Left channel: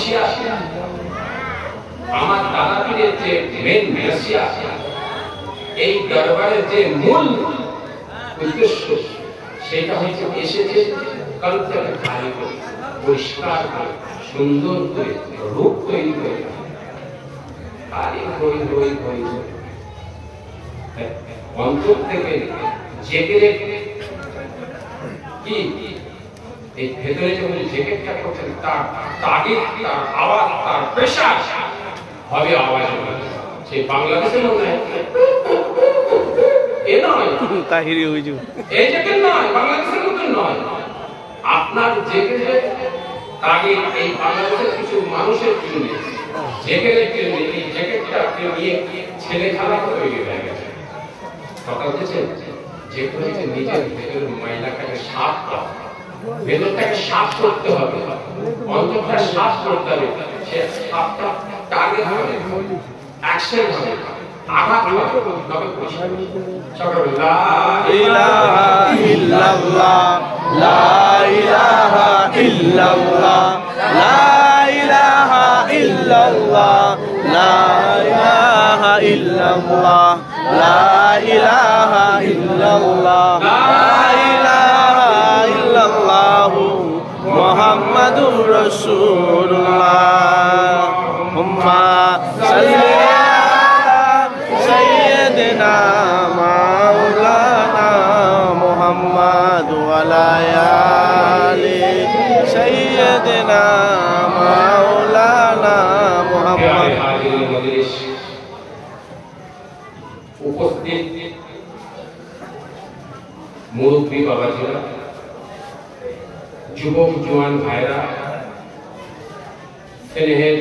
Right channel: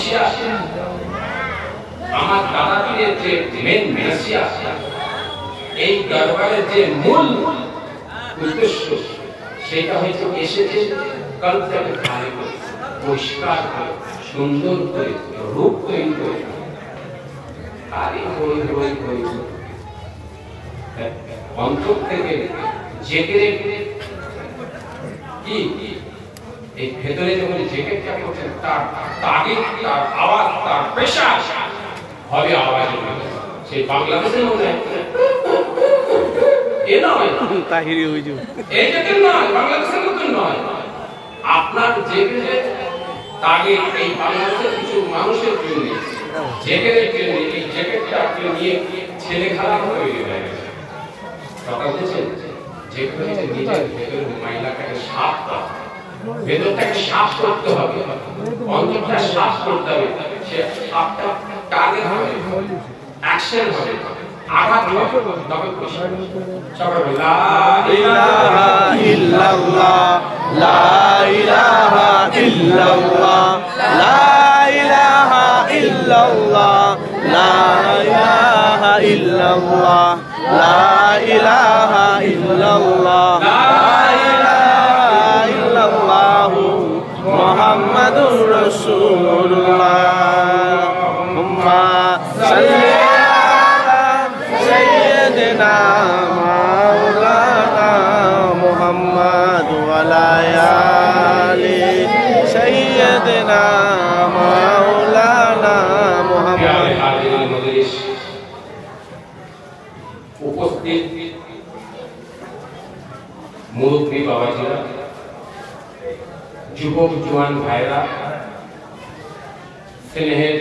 Malaysia আমার দাদা পীরের যে মেন রাশিয়া এই দরবারের যে মূল উদ্দেশ্য সেটা হচ্ছে এসেছে কল্পনাকে খালি করে পরিষ্কার করে সুন্দর করে রূপ তৈরি করে খালি হই হই হই অন্তর থেকে জেগে কি এই ভেতরে যখন জেকেটটা করছেন তার তাগিদ তার আওয়াজ তার প্রেশার হবে আওয়াজ সেই বাংলাদেশের মধ্যে এ নয় তাহিরি হুজুর এই জেকেট নয় বাংলাদেশের মতো নয় আপনার জেকেটে তাগিদ এই বাংলাদেশের কিছু মানুষের জন্য জেকেটের জন্য এই জ্যাকেটটা নিয়ে ছেলে খেলা তৈরি হয়ে গেছে কথা বলছেন যে হচ্ছে নিজের ভেতরের ময়লাটাকে সাফ করা ভেতরটাকে সাফ করতে হবে অন্তরটা সাফ করতে হবে সে সাফটা টার্গেট হবে অ্যাকশন হবে আঘাত হবে তবে পরিষ্কার সবাই লা ইলাহা ইল্লাল্লাহ লা ইলাহা ইল্লাল্লাহ লা ইলাহা ইল্লাল্লাহ লা ইলাহা ইল্লাল্লাহ লা ইলাহা ইল্লাল্লাহ লা ইলাহা ইল্লাল্লাহ মুহাম্মাদুর রাসূলুল্লাহ উম্মা সাল্লি আলা সাইয়্যিদিনা মাওলানা মুহাম্মাদ ওয়া আলা আলি সাইয়্যিদিনা মাওলানা মুহাম্মাদ উপস্থিত মুরব্বী বাবাজিরা যুবক জওয়ান ভাইরা স্নেহের